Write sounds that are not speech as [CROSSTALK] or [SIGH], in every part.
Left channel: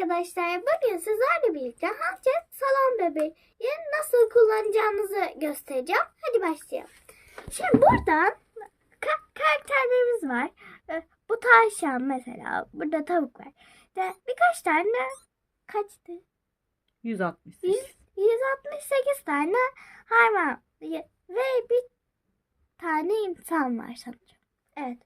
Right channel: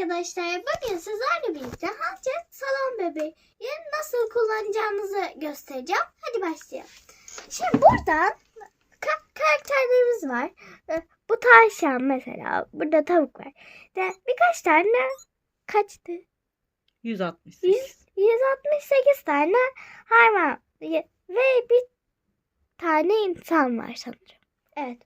arkadaşlar. Bugün sizlerle birlikte Hancet salon bebeği nasıl kullanacağınızı göstereceğim. Hadi başlayalım. Şimdi buradan ka- karakterlerimiz var. Ee, Bu tavşan mesela. Burada tavuk var. De birkaç tane kaçtı? 168. 100, 168 tane hayvan ve bir tane insan var sanırım. Evet.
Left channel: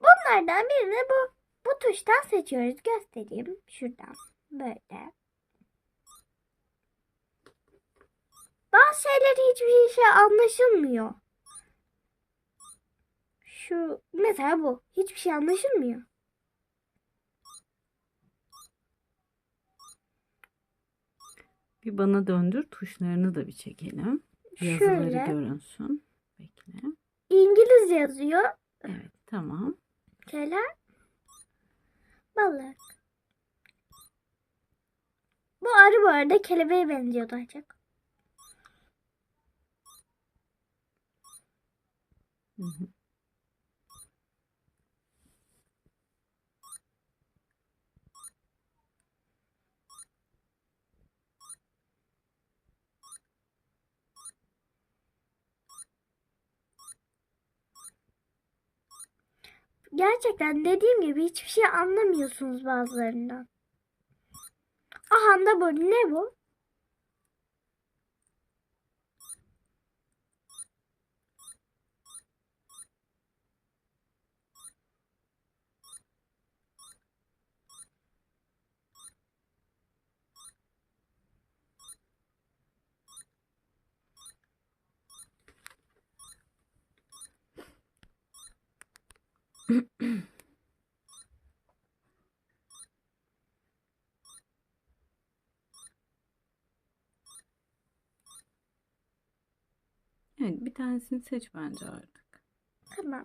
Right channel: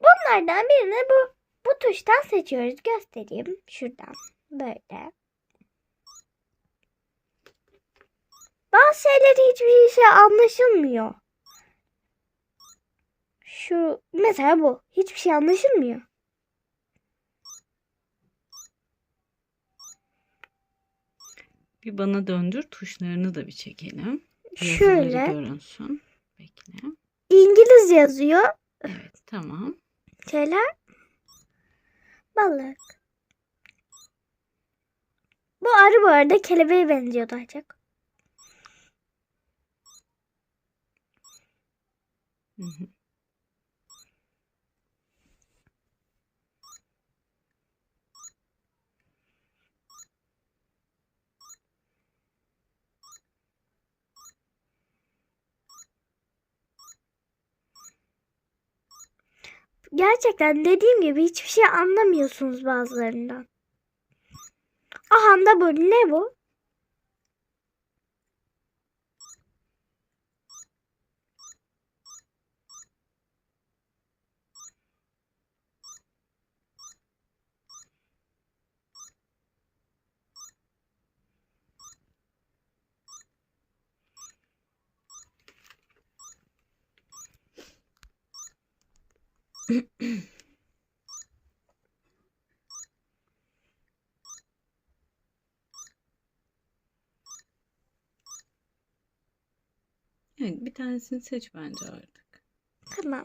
Bunlardan birini bu bu tuştan seçiyoruz. Göstereyim şuradan. Böyle. Bazı şeyler hiçbir şey anlaşılmıyor. Şu mesela bu. Hiçbir şey anlaşılmıyor. Bir bana döndür tuşlarını da bir çekelim. Yazıları Şöyle. görünsün. Bekle. İngiliz yazıyor. Evet tamam. Şeyler. Balık. Bu arı bu arada kelebeğe benziyor daha çok. Hı. Gerçekten dediğim gibi hiçbir şey anlamıyorsunuz bazılarından. Aha da bu. Ne bu? [CLEARS THROAT] Evet bir tanesini seç bence artık. Tamam.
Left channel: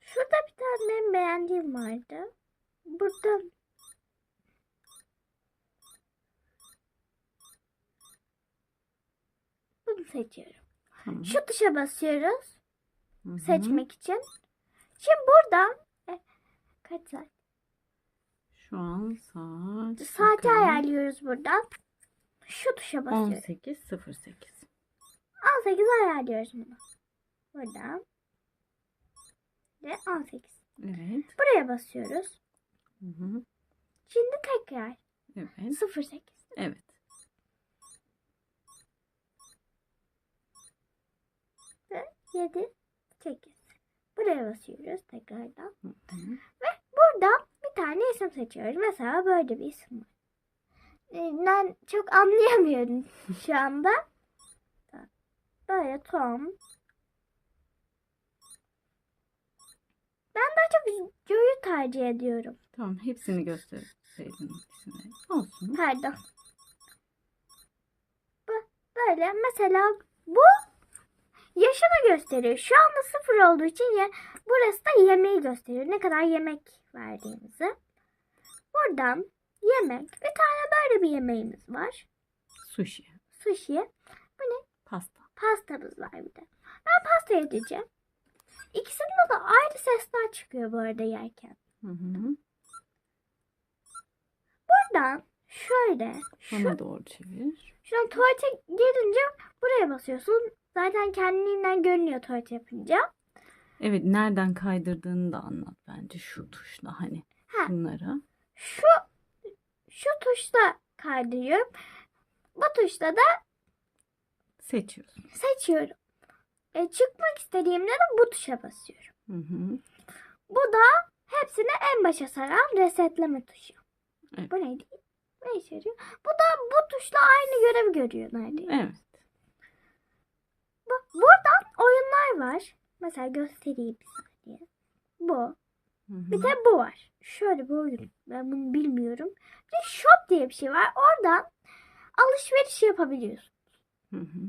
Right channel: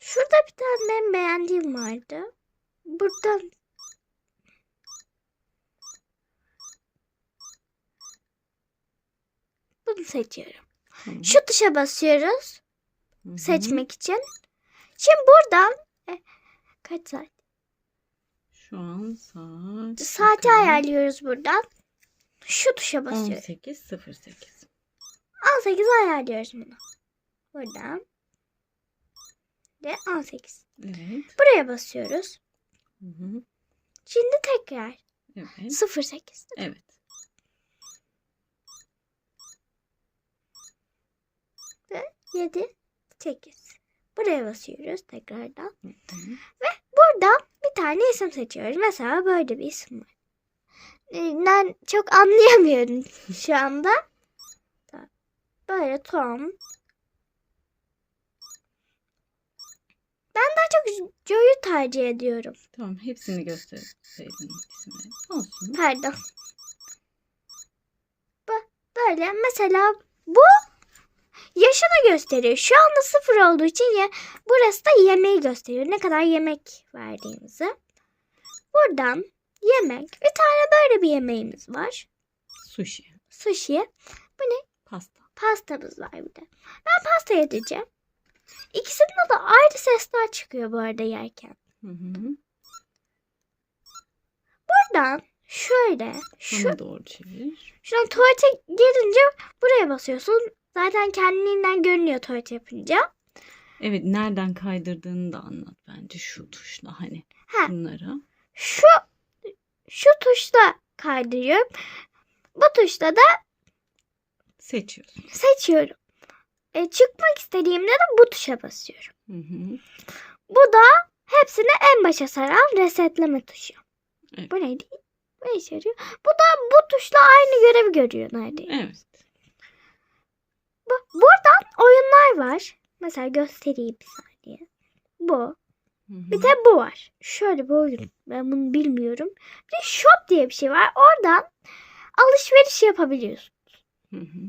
Şurada bir tane benim beğendiğim vardı. Buradan bunu seçiyorum. Tamam. Şu tuşa basıyoruz Hı hı. seçmek için. Şimdi buradan e, kaç saat? Şu an saat. Saati bakalım. ayarlıyoruz buradan. Şu tuşa basıyoruz. 18.08. 18 ayarlıyoruz bunu. Buradan. Ve 18. Evet. Buraya basıyoruz. Hı hı. Şimdi tekrar Evet. 08. Evet. Ve 7 8. Buraya basıyoruz tekrardan. Hı hı. Burada bir tane isim seçiyoruz. Mesela böyle bir isim var. Ee, Ben çok anlayamıyorum [LAUGHS] şu anda. Böyle Tom. Ben daha çok Joe'yu tercih ediyorum. Tamam hepsini gösterseydin isimleri. Olsun. Pardon. Böyle mesela bu yaşını gösteriyor. Şu anda sıfır olduğu için ya burası da yemeği gösteriyor. Ne kadar yemek verdiğimizi. Buradan yemek. Bir tane böyle bir yemeğimiz var. Sushi. Sushi. Pasta. Pastamız var bir de. Ben pasta yedireceğim. İkisinde de ayrı sesler çıkıyor bu arada yerken. Hı hı. Buradan şöyle şu Bana doğru çevir. Şuradan tuvalete girince buraya basıyorsun. Zaten kendiliğinden görünüyor tuvalet yapınca. Evet nereden kaydırdığını da anlat bence şu tuşla hani Ha, bunları. şu şu tuşla kaydırıyorum. Bu tuşla da Seçiyorsun. seçiyorum. E, çıkmak istediğimde de bu tuşa basıyorum. Hı hı. Bu da hepsini en başa saran resetleme tuşu. Evet. Bu neydi? Ne işe yarıyor? Bu da bu tuşla aynı görevi görüyor neredeyse. Evet. Bu, buradan oyunlar var. Mesela göstereyim bir saniye. Bu. Hı hı. Bir de bu var. Şöyle bir oyun. Ben bunu bilmiyorum. Bir de shop diye bir şey var. Oradan alışveriş yapabiliyorsun. Hı hı.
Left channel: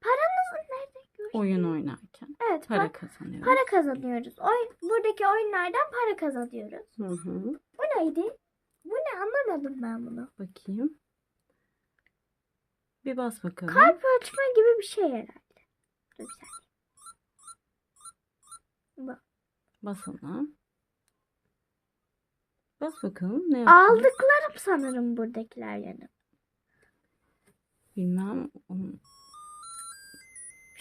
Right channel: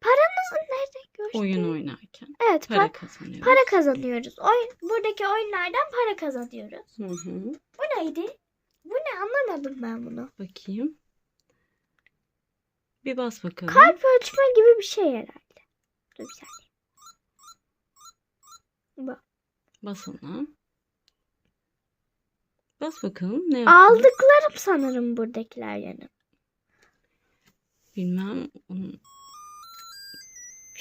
Paranızı nerede gördün? Oyun oynarken Evet para, para kazanıyoruz. para kazanıyoruz. Oyun, buradaki oyunlardan para kazanıyoruz. Hı hı. Bu neydi? Bu ne anlamadım ben bunu. Bakayım. Bir bas bakalım. Kalp ölçme gibi bir şey herhalde. Dur bir saniye. Bas ona. Bas bakalım ne yapıyor? Aldıklarım sanırım buradakiler yani. Bilmem. Onun-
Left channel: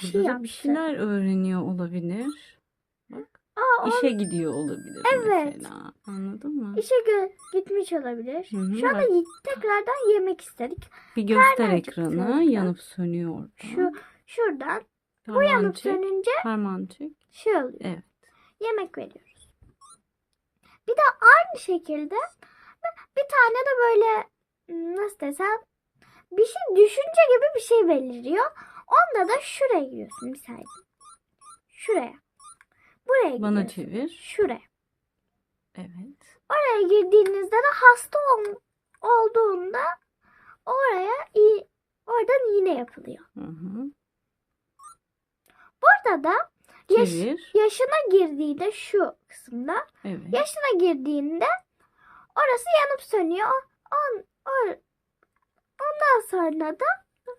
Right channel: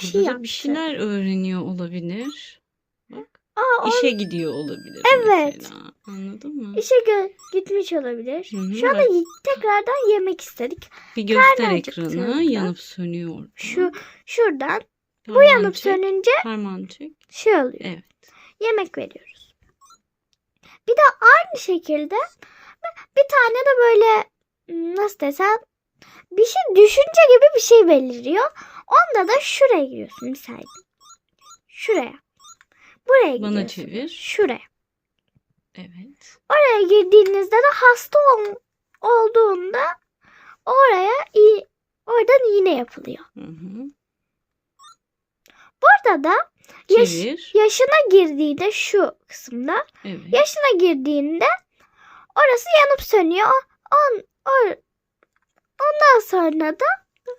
Bir şey Burada da bir şeyler öğreniyor olabilir. Bak. Aa, İşe gidiyor olabilir Evet. mesela. Anladın mı? işe gö- gitmiş olabilir. Hı hı, Şu anda bak. y- tekrardan yemek istedik. Bir göster Nereden ekranı. çıktığında? Yanıp sönüyor orada. Şu şuradan bu yanıp sönünce Parmağını çek. şey oluyor. Evet. Yemek veriyoruz. Bir de aynı şekilde bir tane de böyle hmm, nasıl desem bir şey düşünce gibi bir şey beliriyor. Onda da şuraya giriyorsun bir saniye. Şuraya. Buraya Bana çevir. Şuraya. Evet. Oraya girdiğinizde de hasta ol- olduğunda oraya oradan iğne yapılıyor. Hı hı. Burada da yaş- Çevir. yaşına girdiğinde şu kısımda Evet. yaşına girdiğinde orası yanıp sönüyor. On, or- ondan sonra da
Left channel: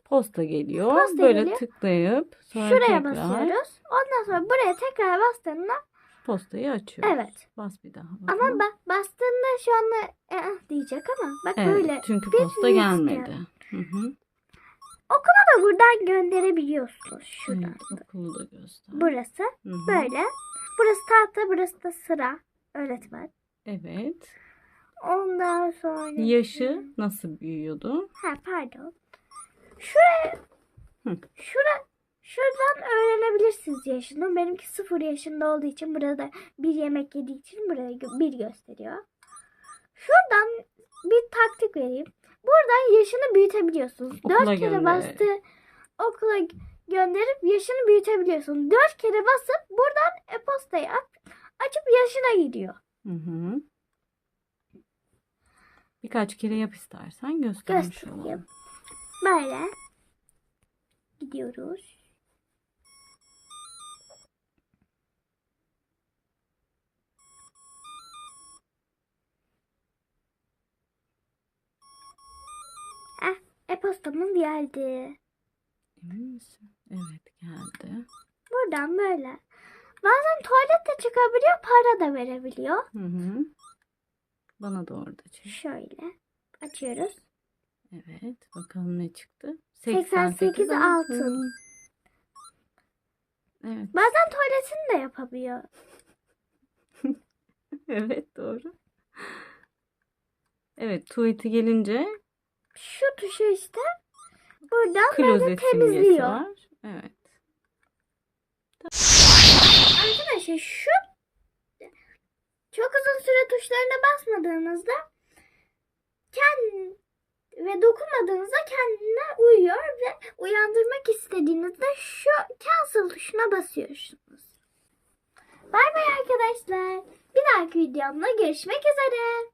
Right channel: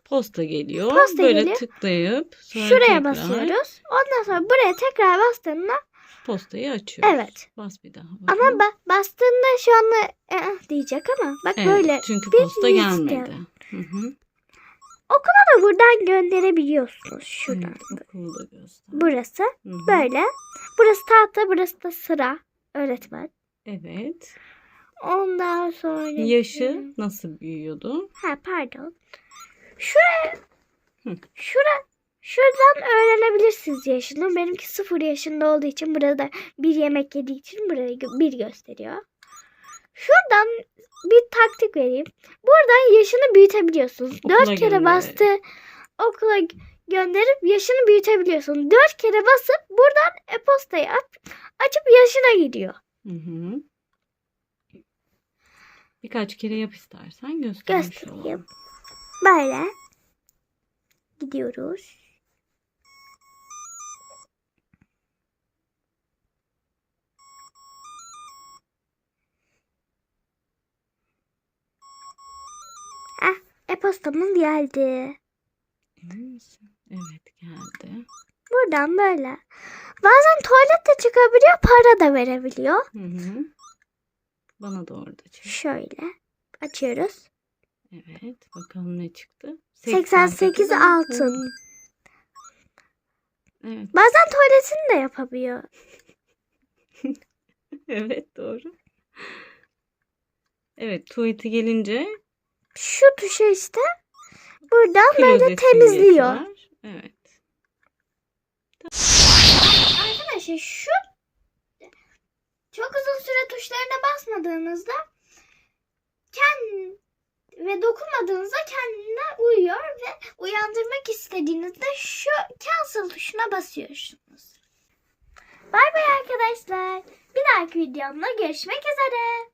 Posta geliyor. Posta Böyle geliyor. tıklayıp sonra şuraya tekrar basıyoruz. Ondan sonra buraya tekrar bastığında postayı açıyoruz. Evet. Bas bir daha ama bakalım. ba- bastığında şu anda "Eh" diyecek ama bak Evet, böyle çünkü posta liste. gelmedi. Hı hı. da buradan gönderebiliyorsunuz. Şuradan. Evet, okulu da göster. Burası Hı hı. böyle. Burası tahta, burası da sıra. Öğretmen. Evet. Ondan sonra... Yaşı nasıl büyüyordu? Ha pardon. Şuraya... Hı. Şura... Şuradan öğrenebilirsiniz yaşını. Benimki sıfır yaşında olduğu için burada bir yemek yediği için buraya gö- bir gösteriyor. Şuradan bir taktik vereyim. Buradan yaşını büyütebiliyorsunuz. Okula Dört kere gönder. bastı okula gönderip yaşını büyütebiliyorsun. Dört kere basıp buradan e-postayı aç- açıp yaşına gidiyor. Hı hı. Birkaç kere yap istersen göstermiş Göstereyim. olalım. Böyle gidiyoruz. Ah, e-postamız geldi. Misin? Evet geldi. Buradan böyle. Bazen tuvalet de çıkabiliyor, para da verebiliyor. Hı hı. Bana da orada çek. Şöyle açıyoruz. Evet. Bakalım ne çıktı? 88 altın. Evet. Bazen tuvaletini de yapabiliyor. [LAUGHS] Evet doğru. Evet tuvaleti gelince Şu tuşa işte buradan böyle temizliyor. var. Evet. Arkadaşlar şu çok uzun süre tuşlarına basmadığınızda ve dokunmadığınızda kendine uyuyor ve uyandırmak istediğinizde şu cancel tuşuna basıyorsunuz. Bay bay arkadaşlar. Bir dahaki videomda görüşmek üzere.